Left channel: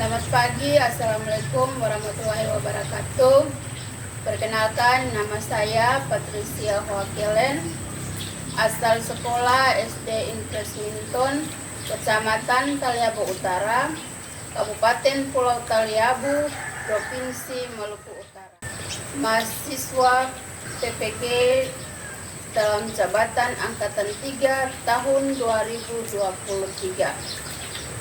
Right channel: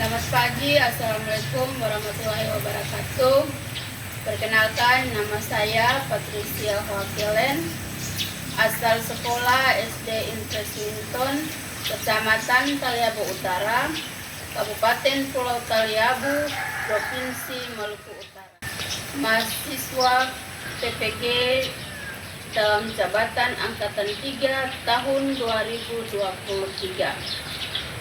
Selamat pagi, Assalamualaikum warahmatullahi wabarakatuh. Perkenalkan, nama saya Patricia Hoakelen, asal sekolah SD Impres Minton, Kecamatan Taliabu Utara, Kabupaten Pulau Taliabu, Provinsi Maluku Utara. Mahasiswa PPG dalam jabatan Angkatan 3 tahun 2023.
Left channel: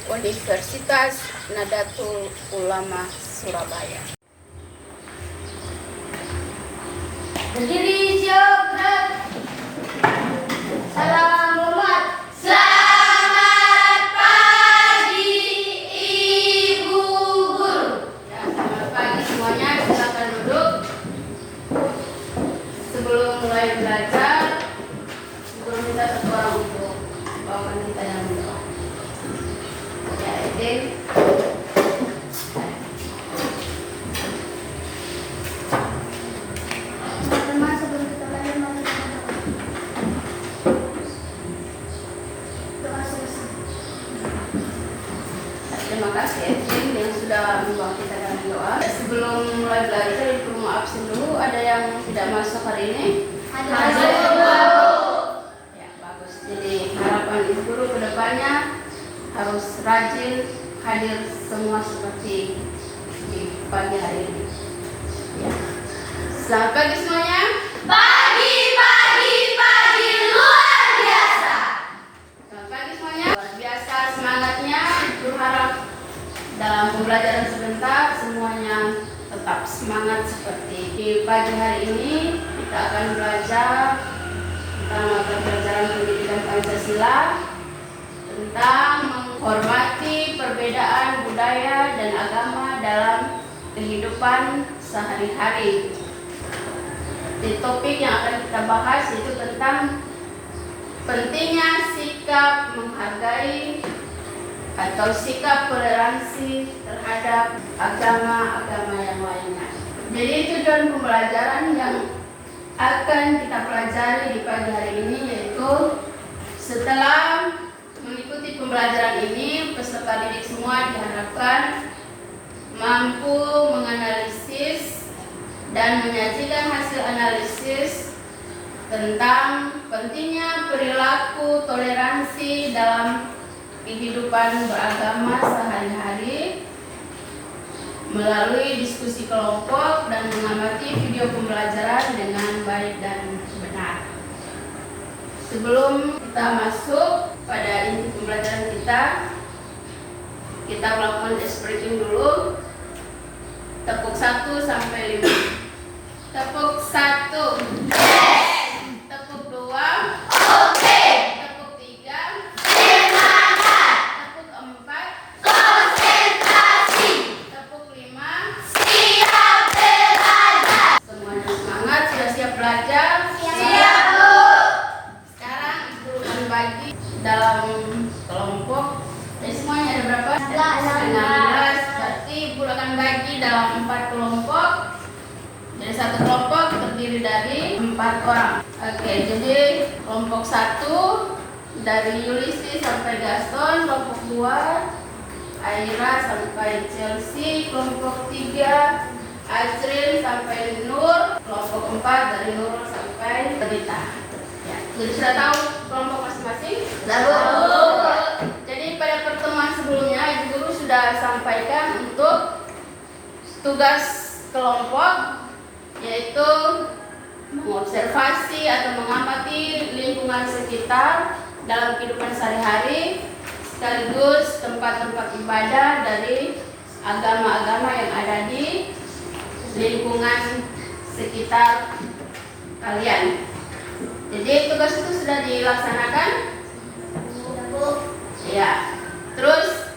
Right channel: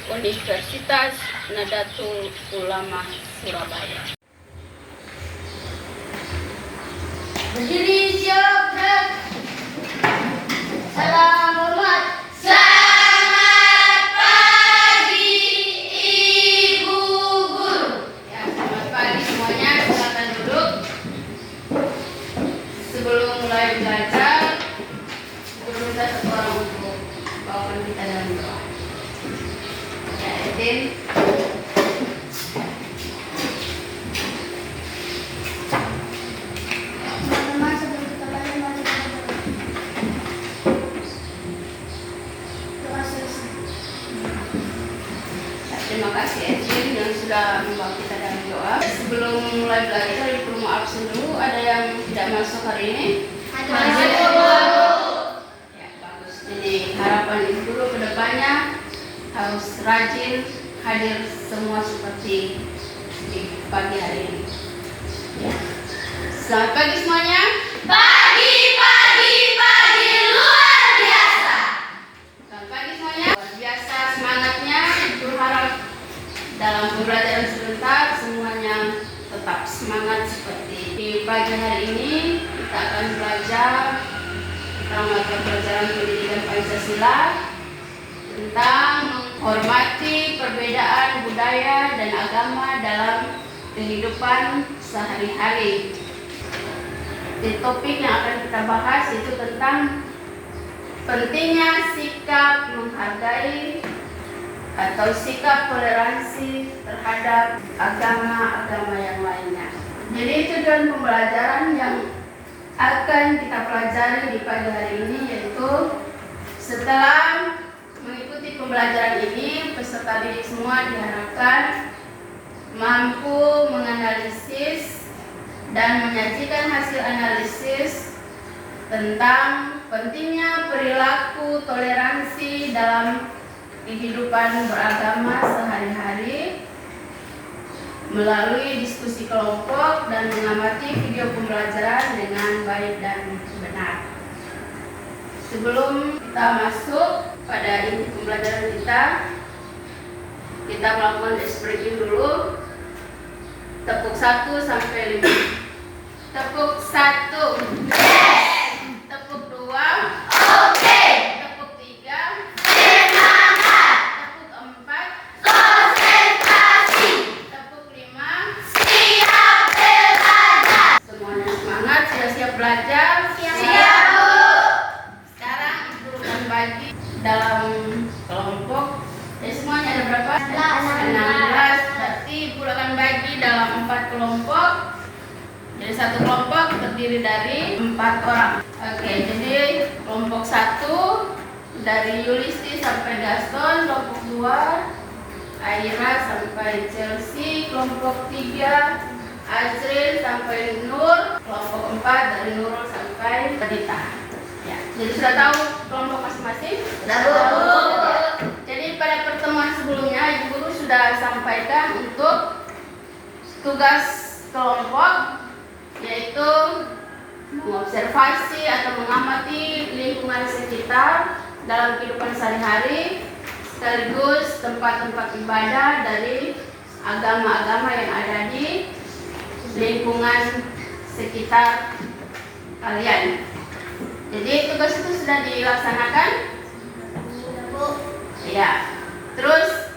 Universitas Nadatul Ulama Surabaya. Berdiri siap. Salam hormat. Selamat pagi Ibu Guru. Ya, selamat pagi semuanya. Silakan duduk. Sebelum mulai belajar, guru minta satu orang untuk bawakan kita dalam doa. Ya, Edin. Teman-teman, sebelum kita belajar, mari kita berdoa. Doa selesai. Terima kasih Edin yang sudah membawa kita dalam doa. Sebelum mulai belajar, Ibu mau absen dulu. Ada yang tidak masuk hari ini? Ya, bagus. Jadi harapan Ibu Guru ke depannya harus rajin hadir semua seperti di pagi hari ini. Ya. Selamat pagi semuanya. Pagi luar biasa. Selamat pagi semuanya. Luar biasa semangatnya. Ibu harap dalam pembelajaran sebentar semuanya tetap semangat seperti di pagi hari ini. Kita akan belajar tentang mata pelajaran pendidikan Pancasila, tentang menghormati perbedaan budaya dan agama dalam kehidupan sehari-hari. Di topik yang akan kita bahas itu tentang pentingnya sikap menghargai atau sikap toleransi terhadap agama-agama yang lainnya. Jadi tujuan pembelajaran yang akan kita pelajari di pagi hari ini yaitu setelah mengikuti pembelajaran ini, peserta didik semua diharapkan mampu menganalisis dan menyajikan hasil analisis tentang pentingnya perilaku toleransi dalam kehidupan beragama sehari-hari melalui diskusi kelompok dan mengamati video pembelajaran dengan baik dan benar. Sebelum kita masuk pada inti pembelajaran kita melakukan expression dulu. Tepuk 1 sampai 5. Tepuk 1. Tepuk 2. Oke. Tepuk 3. Semangat. Tepuk 4. Konsentrasi. Tepuk 5. Siap belajar. Semuanya semangat, sudah siap belajar? Siap, Bu. Sekarang Ibu akan bagi dalam kelompok. Jadi semuanya ada berapa? 16. Berarti Ibu akan bagi dalam 4 kelompok. Jadi satu kelompok terdiri dari 4 orang. Oke, jadi kelompok 1 dari Yulisi sampai Gaston, kelompok 2 Aira sampai Chelsea, kelompok 3 Azrin sampai Nur, kelompok 4 dari Nurul sampai Dita. Ya, jadi sudah tahu kelompok masing-masing? Sudah, Bu. Jadi pada pertemuan sebelumnya Ibu Guru sudah sampaikan untuk tugas kelompok yaitu mengobservasi atau mengamati lingkungan sekitar dalam kehidupan sehari-hari sekaligus tempat-tempat ibadah dari agama-agama yang ada di lingkungan sekitar kalian. Jadi tugas itu sudah dilaksanakan? Ya. Terus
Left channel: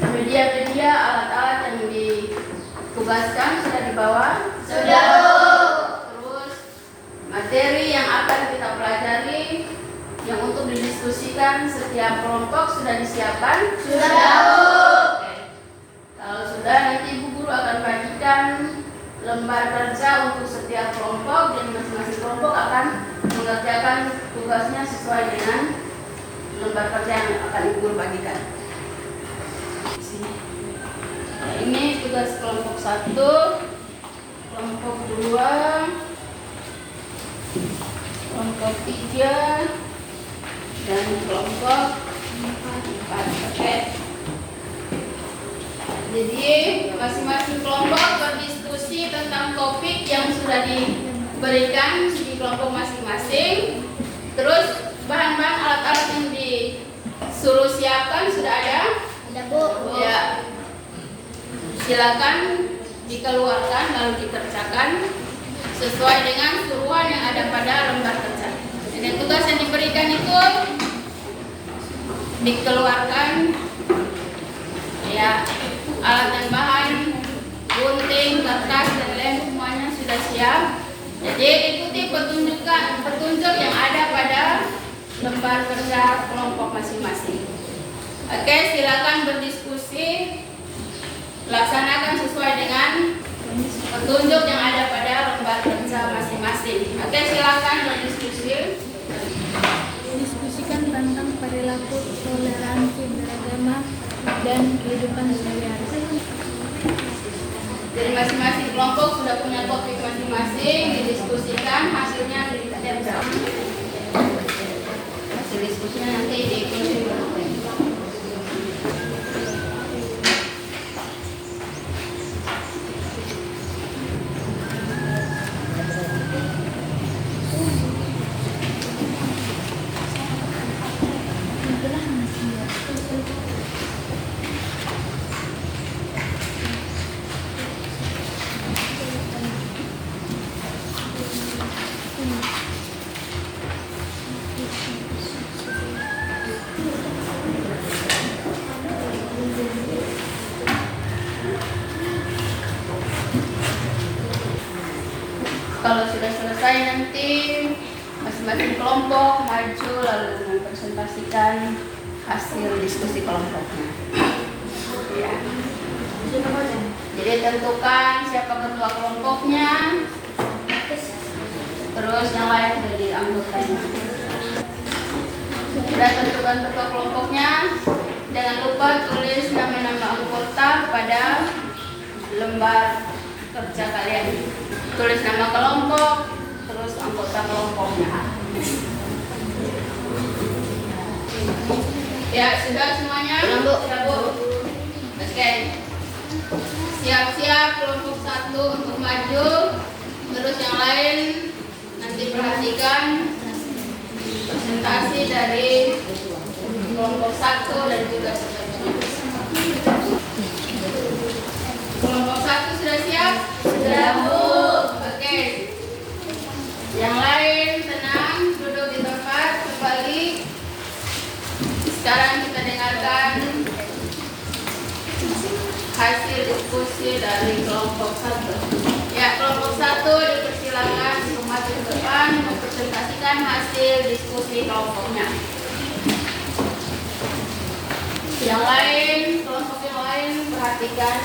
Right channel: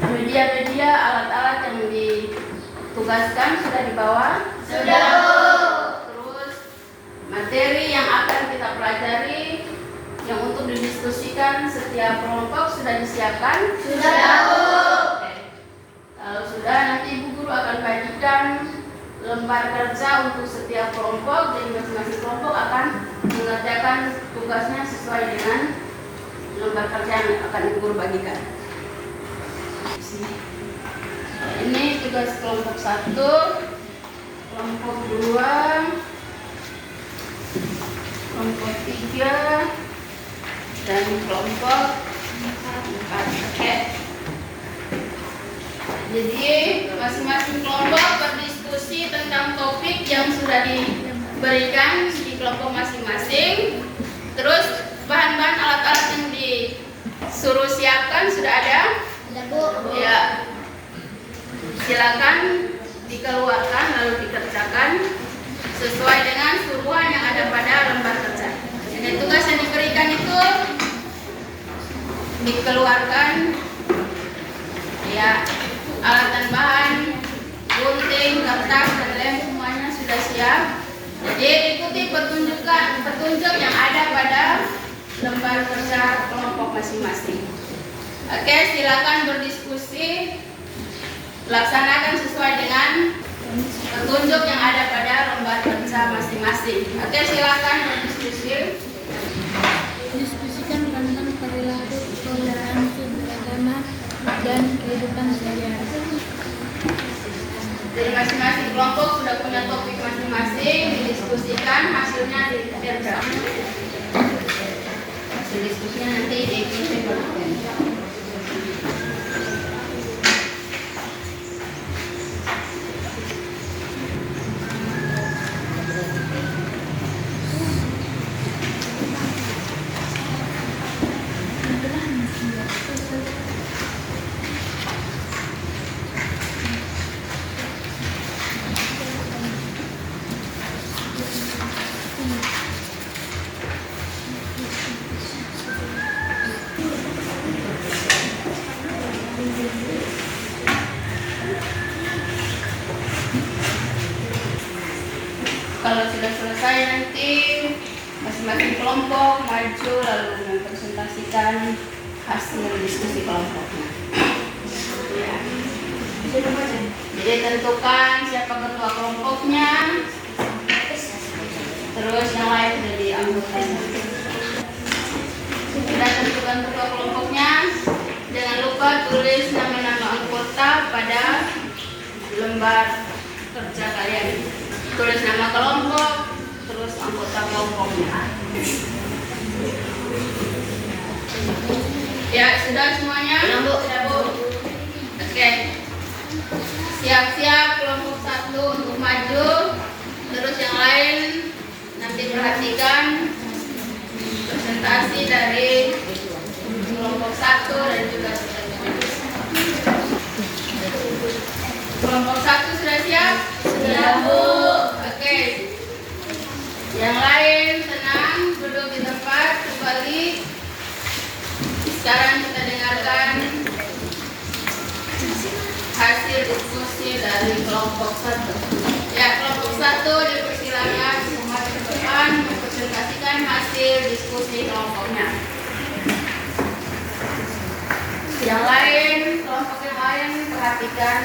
media-media alat-alat yang ditugaskan sudah dibawa? Sudah, Bu. Terus materi yang akan kita pelajari yang untuk didiskusikan setiap kelompok sudah disiapkan? Sudah, Bu. Oke. Kalau sudah, nanti Ibu Guru akan bagikan lembar kerja untuk setiap kelompok. Jadi masing-masing kelompok akan mengerjakan tugasnya sesuai dengan lembar kerja yang akan Ibu Guru bagikan. diskusi. Nah, ini tugas kelompok 1, kelompok 2, kelompok 3, dan kelompok 4. Oke. Jadi masing-masing kelompok berdiskusi tentang topik yang sudah diberikan di kelompok masing-masing. Terus bahan-bahan alat-alat yang disuruh siapkan sudah ada? Ada, Bu. Ya. Silakan dikeluarkan lalu dikerjakan sesuai dengan suruhan yang ada pada lembar kerja. Dan tugas yang diberikan itu dikeluarkan ya, alat dan bahan, gunting, kertas, dan lem semuanya sudah siap. Jadi ikuti petunjuk yang ada pada lembar kerja kelompok masing-masing. Oke, silakan berdiskusi, laksanakan sesuai dengan petunjuk yang ada pada lembar kerja masing-masing. Oke, silakan berdiskusi. Diskusikan tentang perilaku toleransi beragama dan kehidupan sehari-hari. Jadi masing-masing kelompok sudah punya topik masing-masing, didiskusikan, hasilnya ditempel. Hasil diskusinya nanti diikuti berikutnya. Kalau sudah selesai nanti masing-masing kelompok maju lalu mempresentasikan hasil diskusi kelompoknya. Ya. Jadi tentukan siapa ketua kelompoknya, terus yang lain jadi anggotanya. Sudah tentukan ketua kelompoknya, jangan lupa tulis nama-nama anggota pada lembar kerja kalian. Tulis nama kelompok, terus anggota kelompoknya. Ya, sudah semuanya? Sudah, Bu? Oke. Siap-siap kelompok 1 untuk maju. Terus yang lain nanti perhatikan presentasi dari kelompok 1 dan juga kelompok 1 sudah siap? Sudah, Bu. Oke. Yang lain tenang, duduk di tempat kembali. Sekarang kita dengarkan hasil diskusi dari kelompok 1. Ya, kelompok 1 dipersilakan maju ke depan mempresentasikan hasil diskusi kelompoknya. Yang lain, kelompok yang lain perhatikan.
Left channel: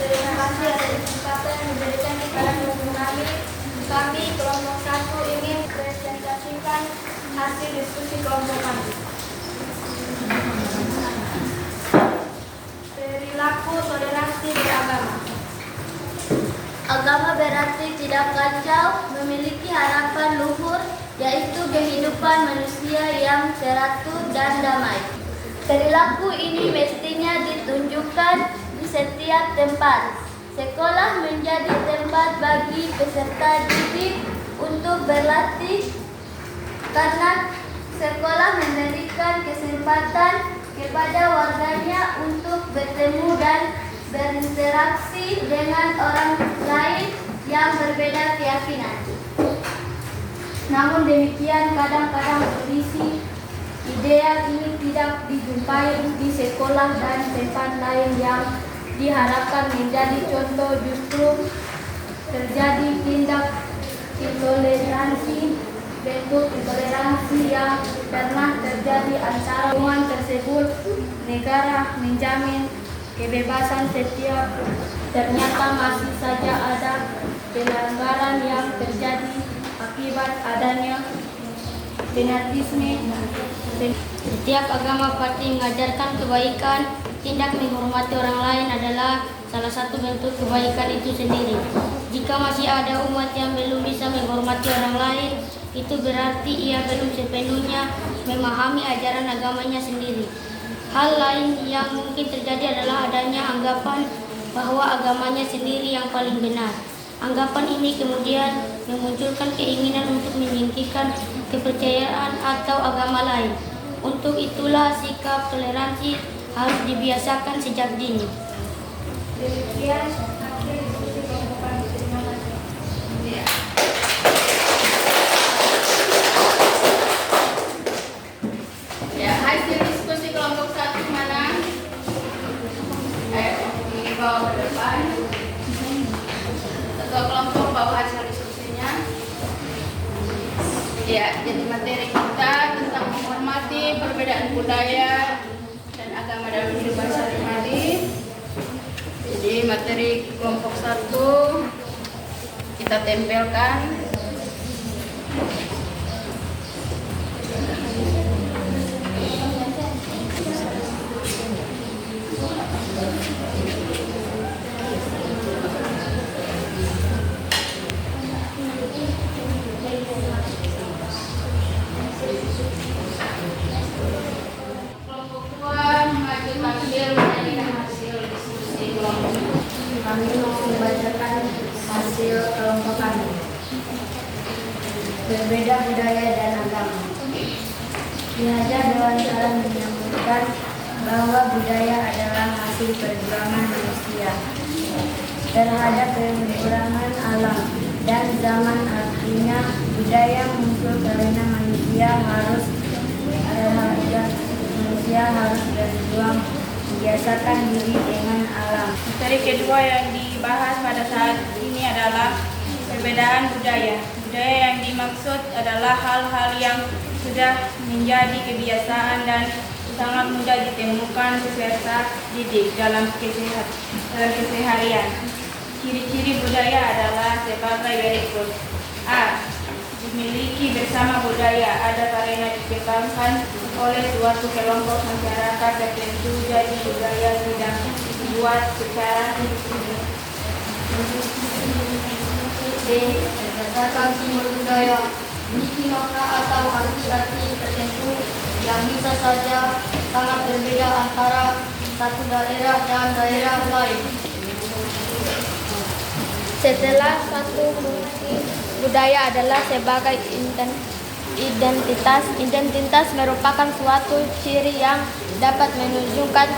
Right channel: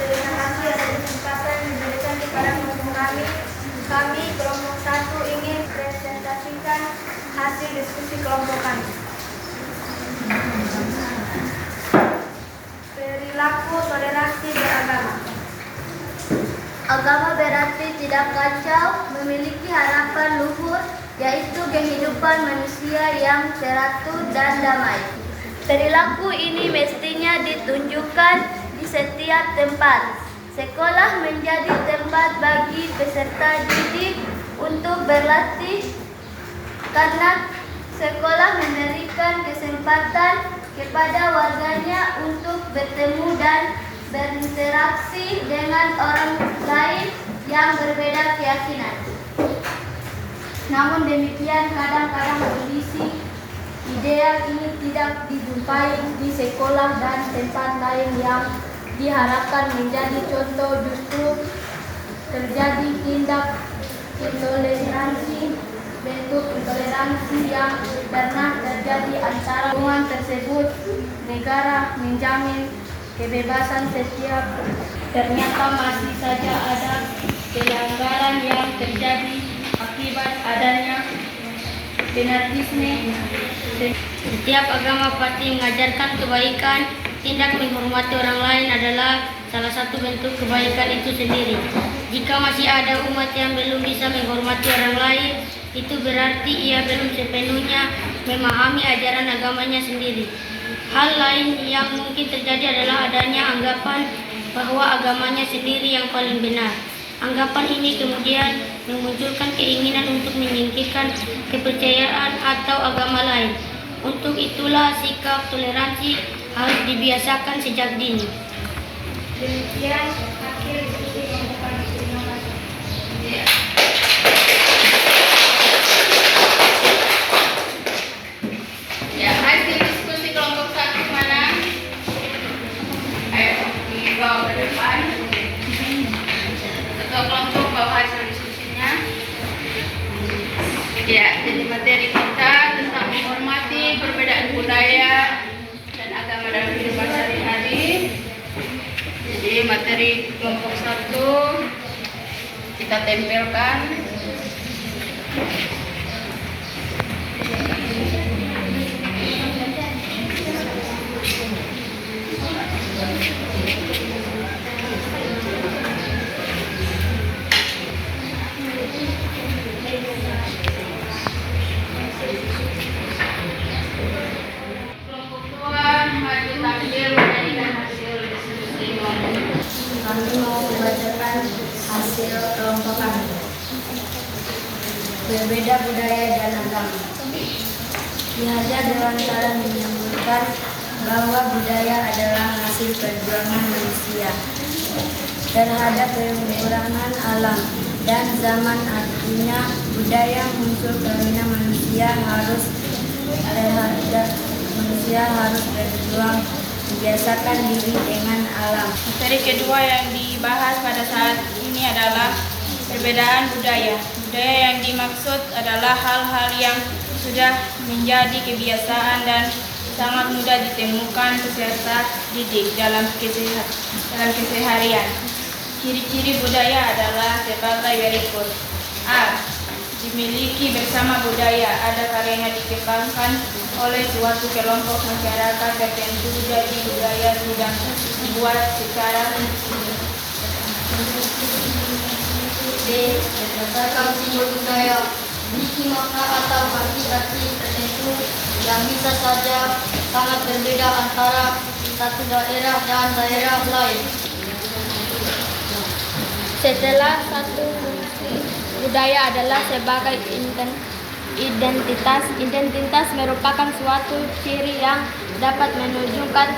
Terima kasih atas kesempatan yang diberikan kepada kelompok kami. Kami kelompok 1 ingin presentasikan hasil diskusi kelompok kami. Perilaku toleransi beragama. Agama berarti tidak kacau, memiliki harapan luhur, yaitu kehidupan manusia yang teratur dan damai. Perilaku ini mestinya ditunjukkan di setiap tempat. Sekolah menjadi tempat bagi peserta didik untuk berlatih karena sekolah memberikan kesempatan kepada warganya untuk bertemu dan berinteraksi dengan orang lain yang berbeda keyakinan. Namun demikian kadang-kadang kondisi ideal ini tidak dijumpai di sekolah dan tempat lain yang diharapkan menjadi contoh, justru terjadi tindak intoleransi, bentuk intoleransi yang pernah terjadi antara hubungan tersebut. Negara menjamin kebebasan setiap, ternyata masih saja ada pelanggaran yang terjadi akibat adanya fanatisme. Setiap agama pasti mengajarkan kebaikan. Tindak menghormati orang lain adalah salah satu bentuk kebaikan itu sendiri. Jika masih ada umat yang belum bisa menghormati orang lain, itu berarti ia belum sepenuhnya memahami ajaran agamanya sendiri. Hal lain yang mungkin terjadi adalah adanya anggapan bahwa agamanya sendiri yang paling benar. Anggapan ini kemudian memunculkan keinginan untuk menyingkirkan kepercayaan atau agama lain. Untuk itulah sikap toleransi harus dibiasakan sejak dini. Demikian akhir diskusi kelompok kami. Terima kasih. Ya, hasil diskusi kelompok 1 mana? Ayo, dibawa ke depan. Ketua kelompok bawa hasil diskusinya. Ya, jadi materi kita tentang menghormati perbedaan budaya dan agama dalam kehidupan sehari-hari. Jadi materi kelompok 1 kita tempelkan. Kelompok 2 maju tampil menjadikan hasil diskusi kelompok. Kami mau membacakan hasil kelompok kami. Berbeda budaya dan agama. Diajar Dewan Salam menyebutkan bahwa budaya adalah hasil perjuangan manusia terhadap pengurangan alam dan zaman. Artinya budaya muncul karena manusia harus berjuang membiasakan diri dengan alam. Materi kedua yang dibahas pada saat ini adalah perbedaan budaya. Budaya yang dimaksud adalah hal-hal yang sudah menjadi kebiasaan dan sangat mudah ditemukan peserta didik dalam keseharian. Ciri-ciri budaya adalah sebagai berikut. A. Dimiliki bersama budaya ada karena ditekankan oleh suatu kelompok masyarakat tertentu, jadi budaya tidak dibuat secara Berdasarkan simbol budaya memiliki makna atau arti tertentu yang bisa saja sangat berbeda antara satu daerah dan daerah lain. Setelah satu fungsi budaya adalah sebagai identitas. Identitas merupakan suatu ciri yang dapat menunjukkan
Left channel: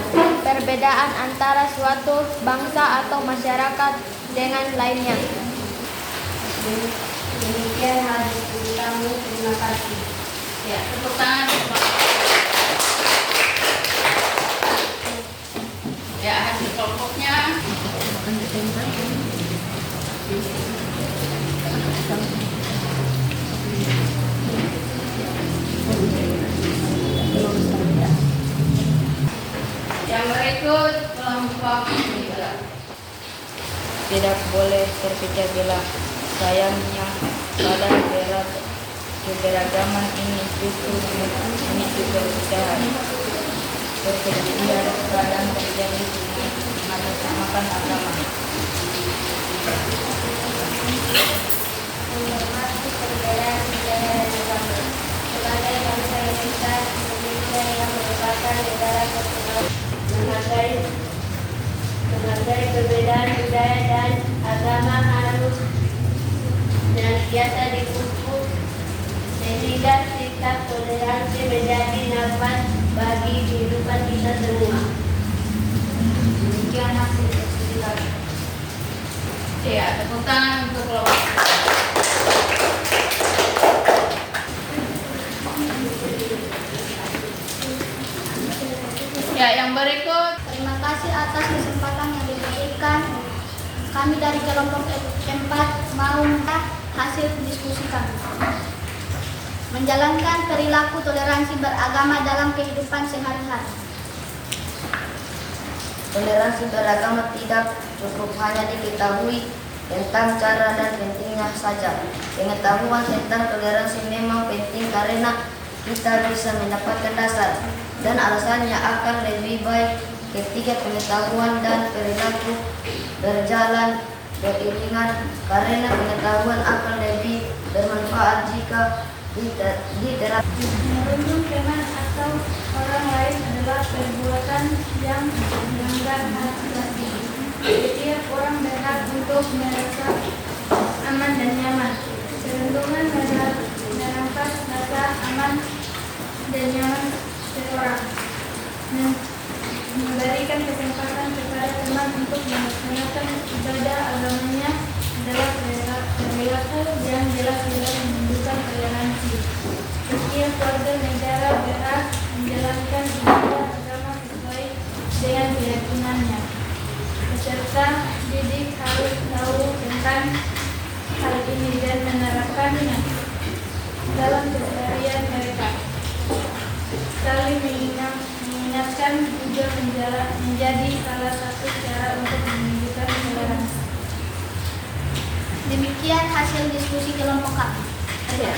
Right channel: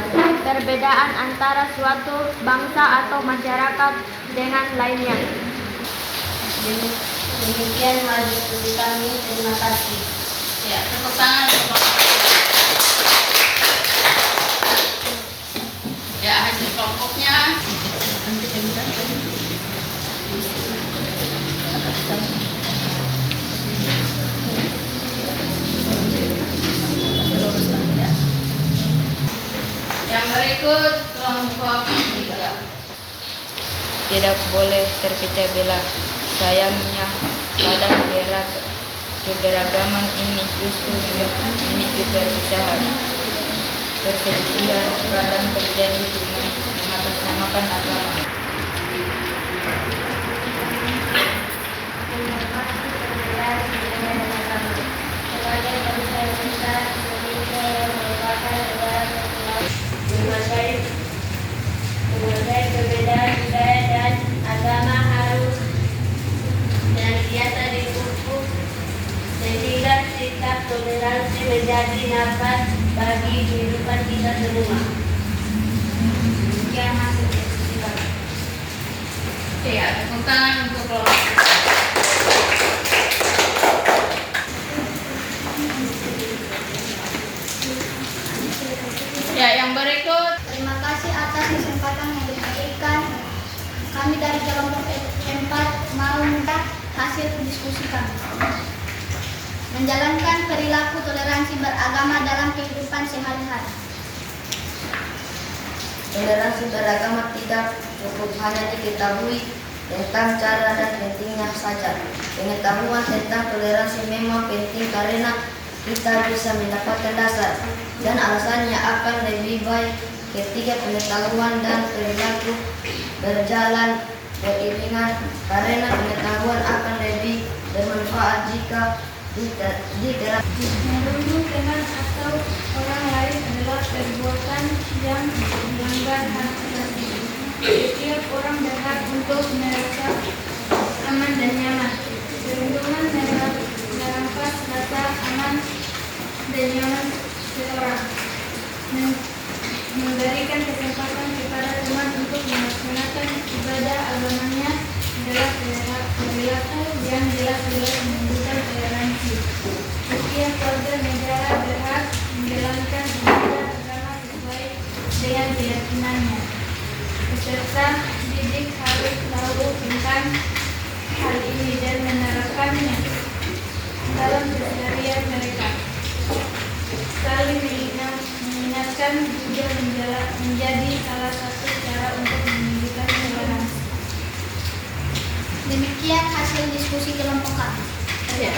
perbedaan antara suatu bangsa atau masyarakat dengan lainnya. Demikian hal diskusi kami. Terima kasih. Ya, tepuk tangan. Ya, hasil kelompoknya. Yang berikut kelompok 3. Tidak boleh terpecah belah. Sayangnya, pada keberagaman ini justru memicu perpecahan. Perselisihan kadang terjadi dengan mengatasnamakan agama. Menghormati perbedaan budaya dan agama. Sebagai bangsa yang besar, Indonesia yang merupakan negara kepulauan, menghargai perbedaan budaya dan agama harus senantiasa dipupuk sehingga sikap toleransi menjadi nafas bagi kehidupan kita semua. Demikian hasil diskusi kami. Ya, tepuk tangan untuk kelompok. Ya, yang berikut. Terima kasih atas kesempatan yang diberikan. Kami dari kelompok 4 mau minta hasil diskusi kami. Menjalankan perilaku toleransi beragama dalam kehidupan sehari-hari. Toleransi beragama tidak cukup hanya diketahui, tentang cara dan pentingnya saja. Pengetahuan tentang toleransi memang penting karena kita bisa mendapatkan dasar dan alasannya akan lebih baik ketika pengetahuan dan perilaku berjalan beriringan, karena pengetahuan akan lebih bermanfaat jika diterapkan. Merundung teman atau orang lain adalah perbuatan yang melanggar hak asasi. Setiap orang berhak untuk merasa aman dan nyaman. Perundungan merampas rasa aman dan nyaman seseorang. Memberikan kesempatan kepada teman untuk melaksanakan ibadah agamanya adalah perilaku yang jelas-jelas menunjukkan toleransi. Setiap warga negara berhak menjalankan ibadah agama sesuai dengan keyakinannya. Peserta didik harus tahu tentang hal ini dan menerapkannya dalam keseharian mereka. Saling mengingatkan juga menjadi salah satu cara untuk menunjukkan toleransi. Demikian hasil diskusi kelompok kami. Ya,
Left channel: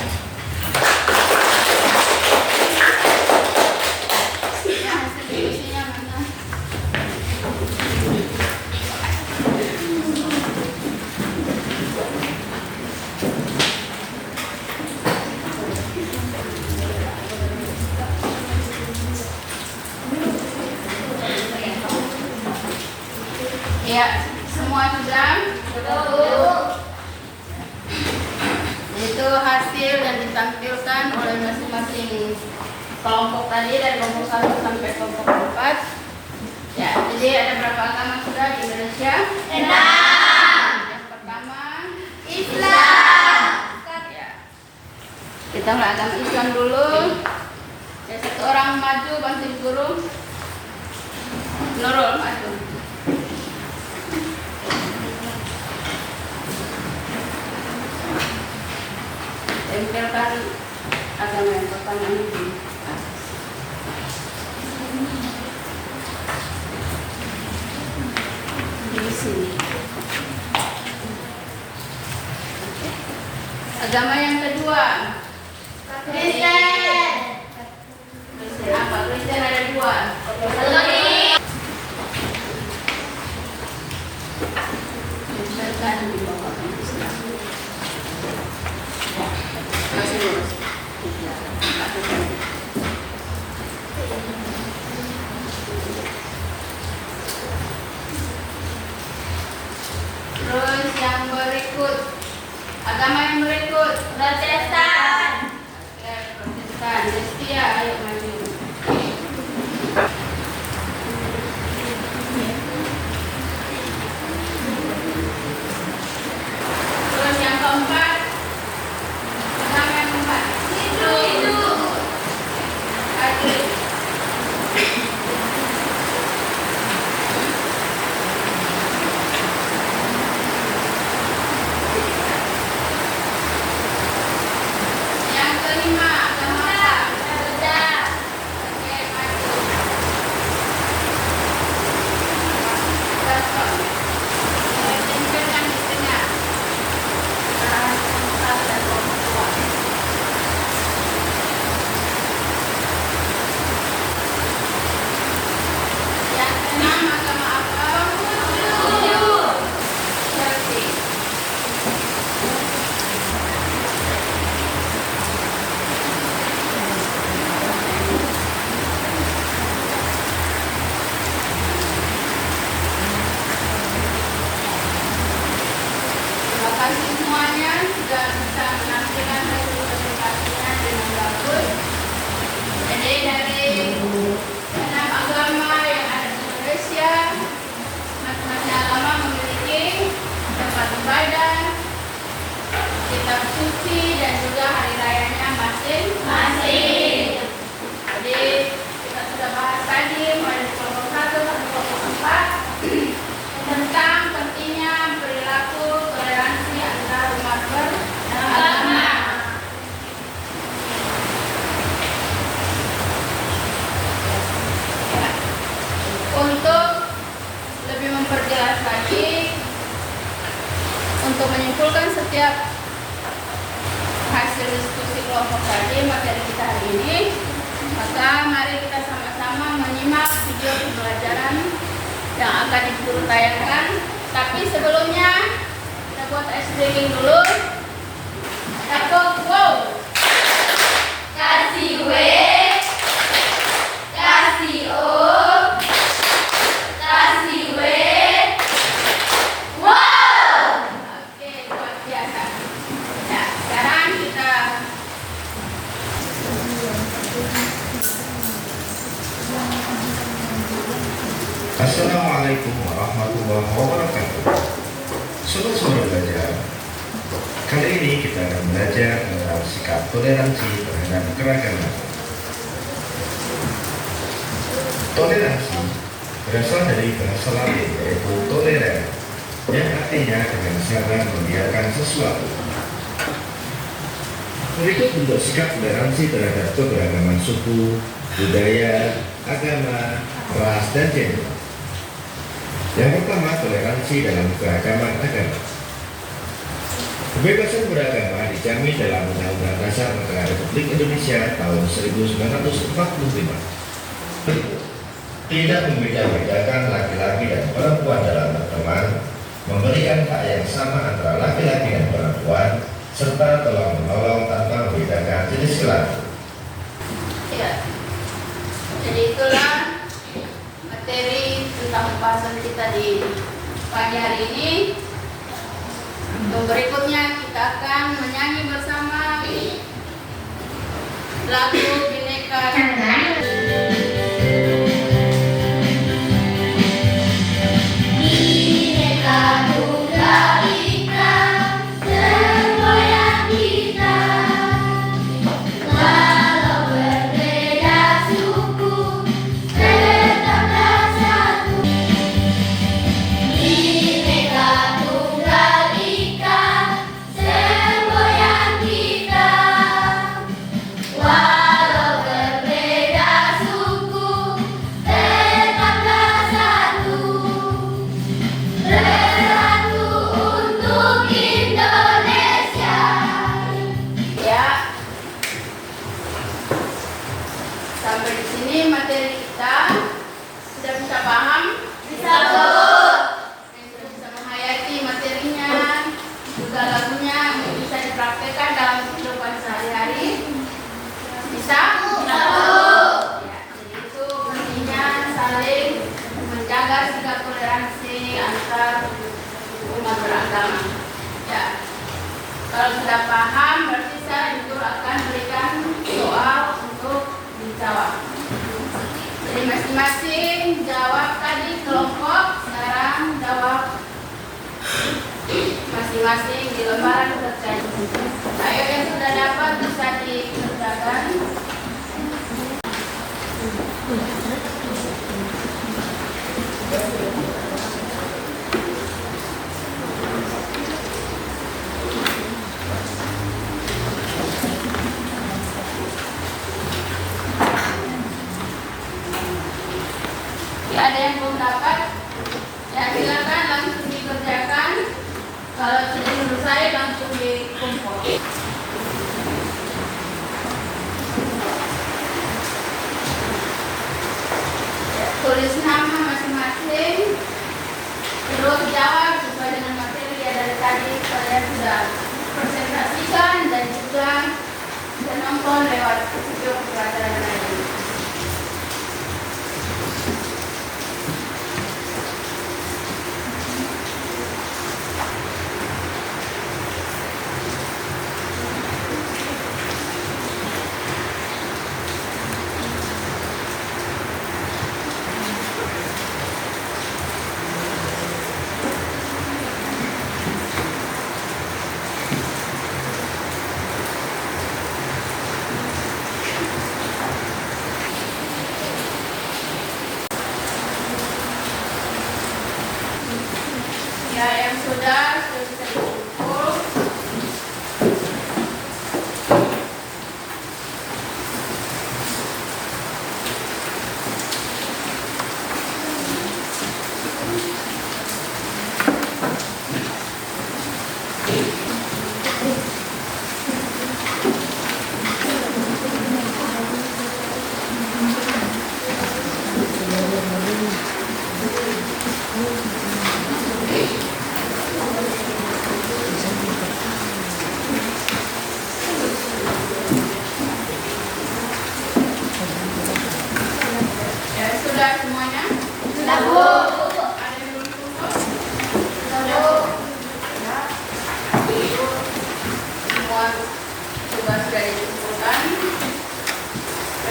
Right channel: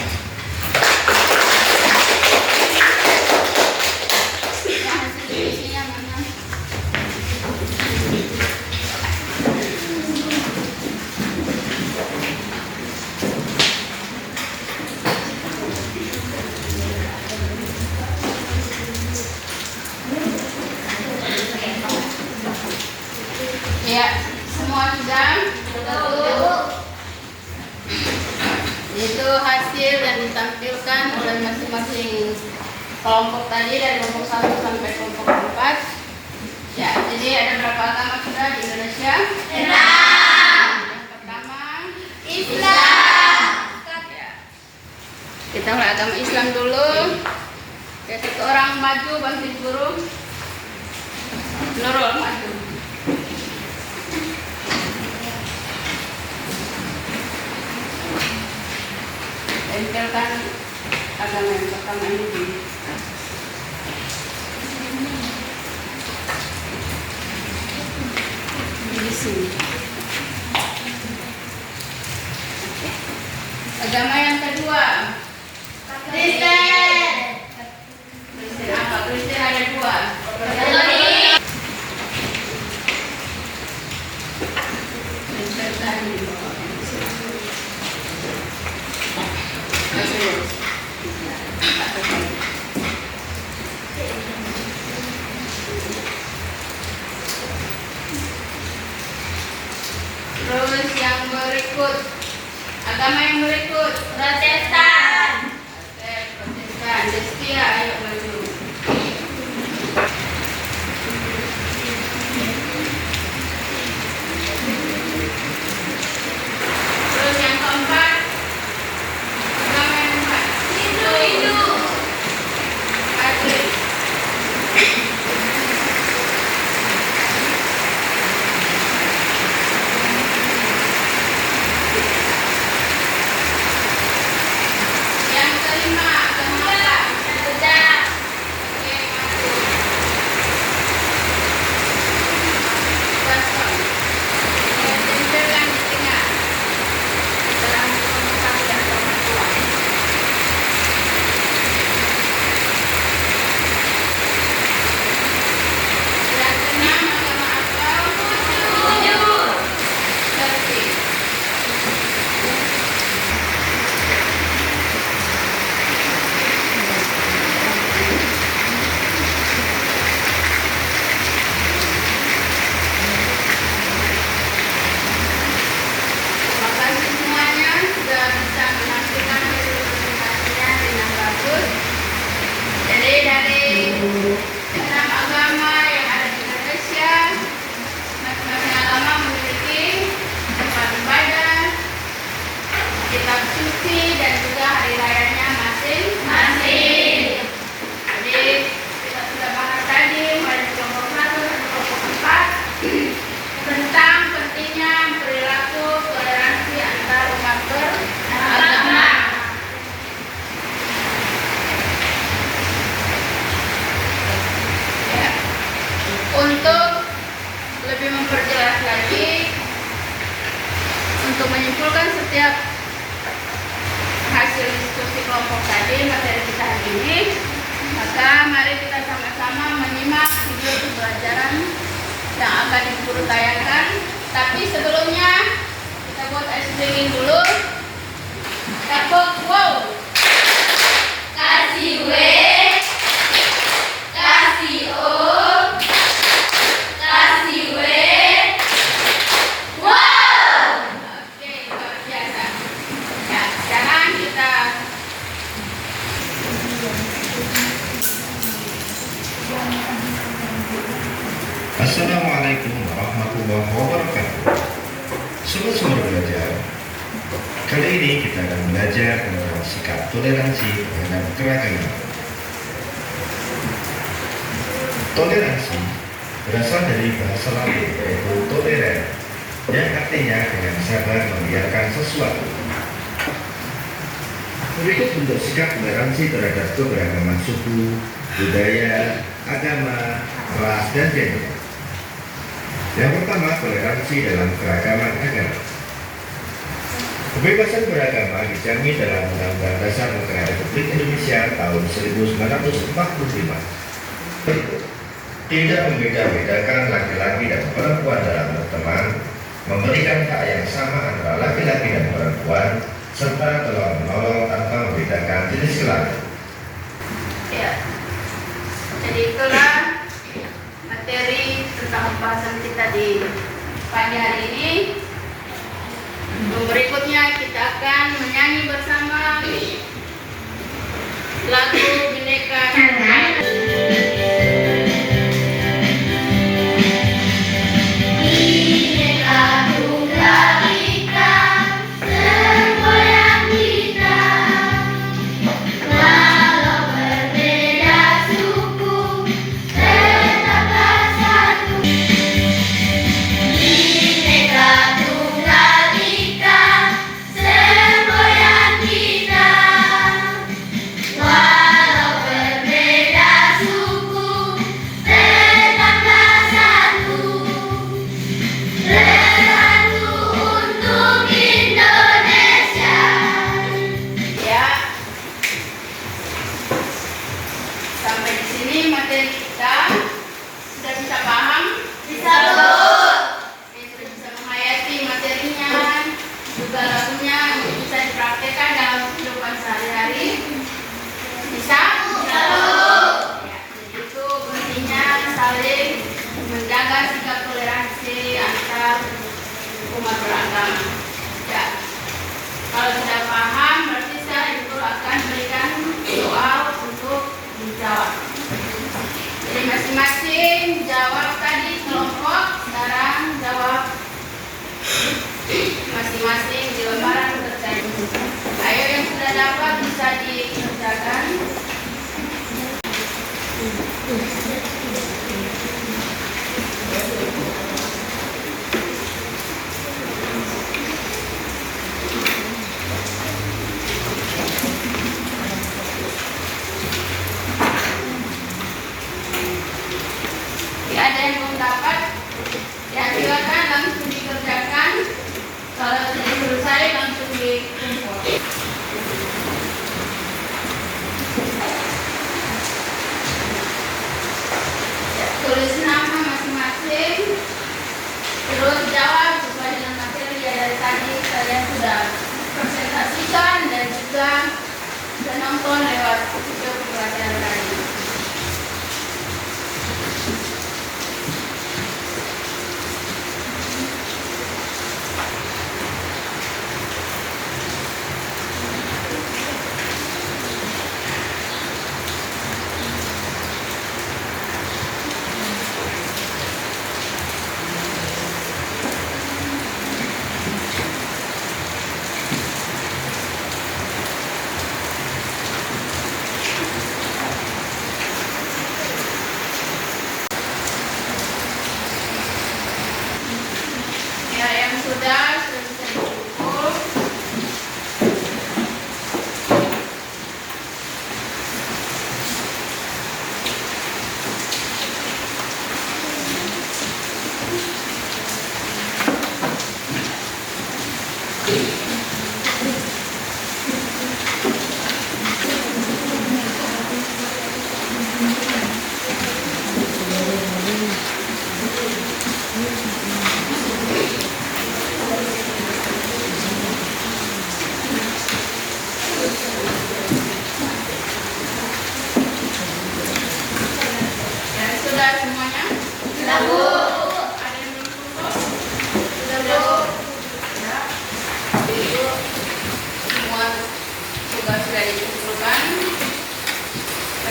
hasil diskusinya mana? Ya, semua sudah? Itu hasil yang ditampilkan oleh masing-masing kelompok tadi dari kelompok 1 sampai kelompok 4. Ya, jadi ada berapa agama sudah di Indonesia? Yang pertama Islam. Ya. Kita mulai agama Islam dulu. Ya, satu orang maju bantu guru. Nurul maju. Tempelkan agama yang pertama ini. Di sini. Agama yang kedua. Kristen. Kristen apa? Kristen ada 2. Tempelkan di bawah. Terus yang berikut, agama yang berikut Protestan. Oke, Protestan. Destia, ayo maju. Terus yang keempat, agama yang keempat Hindu. Katolik. bayangkan. Tapi sebelumnya kita buat ice breaking dulu. Kita buat wow. Kasih W, kasih O, kasih W. Wow. Oke, luar biasa. Ya, sekarang kita Assalamualaikum warahmatullahi wabarakatuh. Sobat-sobat belajar, kali ini kita akan belajar tentang sikap toleransi terhadap keragaman. Toleransi berasal dari bahasa Latin yaitu toleran, yang artinya dengan sabar membiarkan sesuatu. Berikut bentuk sikap toleransi terhadap keberagaman suku, budaya, agama, ras, dan gender. Yang pertama, toleransi dalam keragaman agama. Kebebasan beragama dijamin dalam Undang-Undang Dasar Negara Republik Indonesia tahun 1945. Tidak membeda-bedakan laki-laki dan perempuan dalam berteman, memberikan hak yang sama antara laki-laki dan perempuan, serta tolong-menolong tanpa membedakan jenis kelamin. ya. Jadi itulah materi tentang pembahasan kita di pagi hari ini. Berikutnya kita akan menyanyi bersama lagu Bhinneka Tunggal Ika. Bhinneka Tunggal Ika, semboyan kita, walau berbeda suku, tetaplah satu. Bhinneka Tunggal Ika, semboyan kita, walau berbeda suku, tetaplah satu. Bersatu untuk Indonesia. Ya. Sampai di sini materi kita. Sudah bisa paham? Bisa, Bu. Sudah bisa menghayati materinya, juga lagunya bisa dipraktekkan dalam kehidupan sehari-hari. Bisa? Bisa, Bu. Ya, jadi itu pentingnya saling menjaga sikap toleransi antar umat beragama. Ya. Kalau sudah paham, berarti saya itu akan berikan soal untuk dijawab. Jadi masing-masing jawab tadi kelompok, sekarang jawab masing-masing di lembaran kerja. Ayo yang sudah dapat bisa dikerjakan. Ya, ada yang belum dapat, ya silakan langsung dikerjakan. Kalau sudah selesai langsung dikumpul.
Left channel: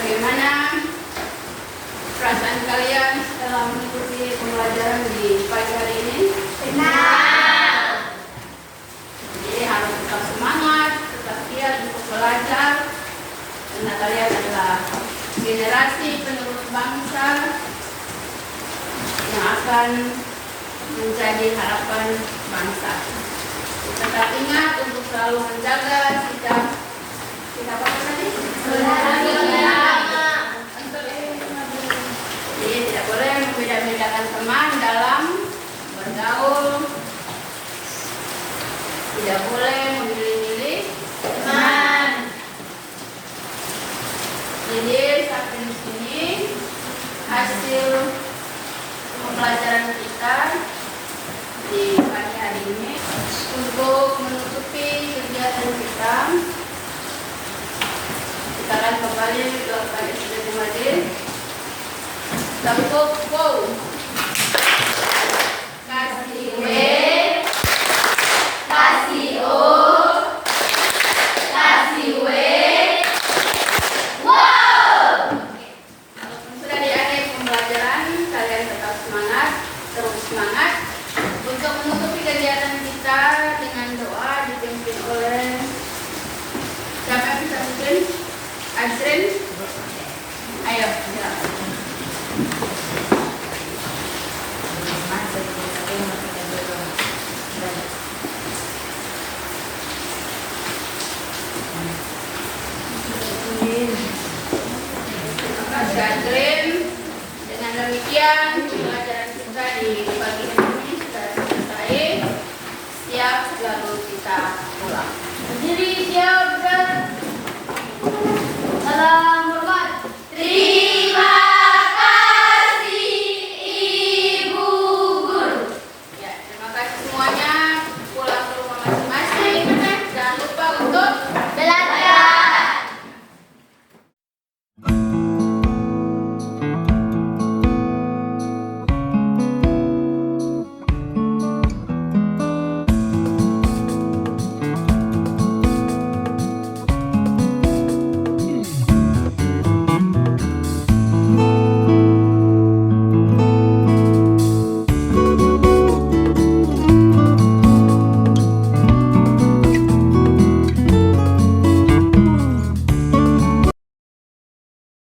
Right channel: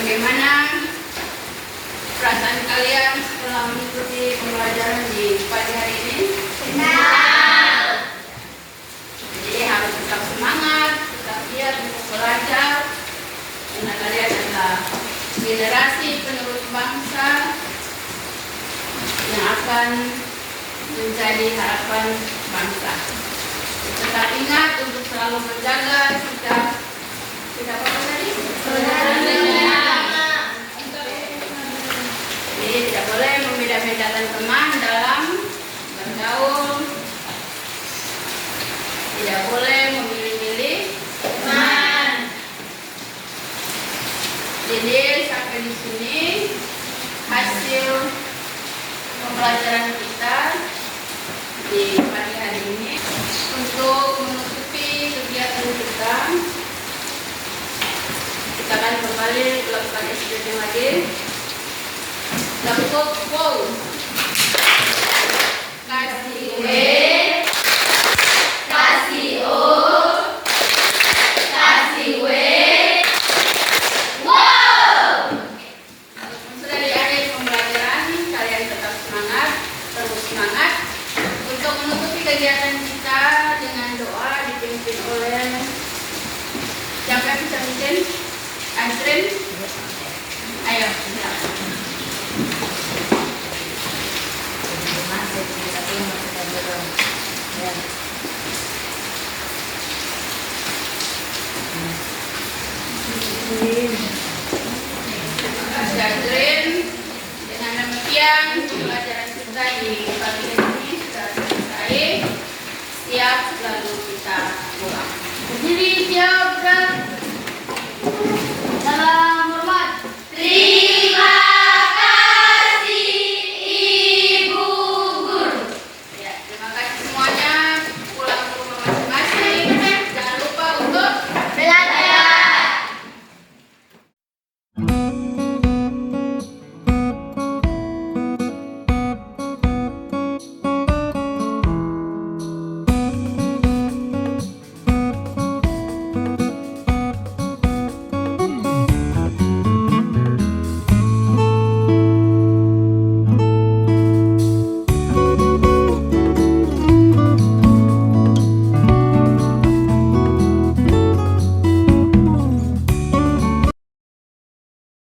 Bagaimana perasaan kalian setelah mengikuti pembelajaran di pagi hari ini? Jadi harus tetap semangat, tetap giat untuk belajar. Karena kalian adalah generasi penerus bangsa yang akan menjadi harapan bangsa. Tetap ingat untuk selalu menjaga sikap apa tadi? Jadi tidak boleh membeda-bedakan teman dalam bergaul. Tidak boleh memilih-milih teman. Jadi sampai di sini hasil pembelajaran kita di pagi hari ini. Untuk menutupi kegiatan kita akan kembali melakukan exercise lagi. Tepuk wow. Kasih W, kasih O, kasih W. Wow. Walaupun sudah di akhir pembelajaran, kalian tetap semangat, terus semangat untuk menutupi kegiatan kita dengan doa dipimpin oleh siapa yang bisa pimpin? Azrin, ayo silakan.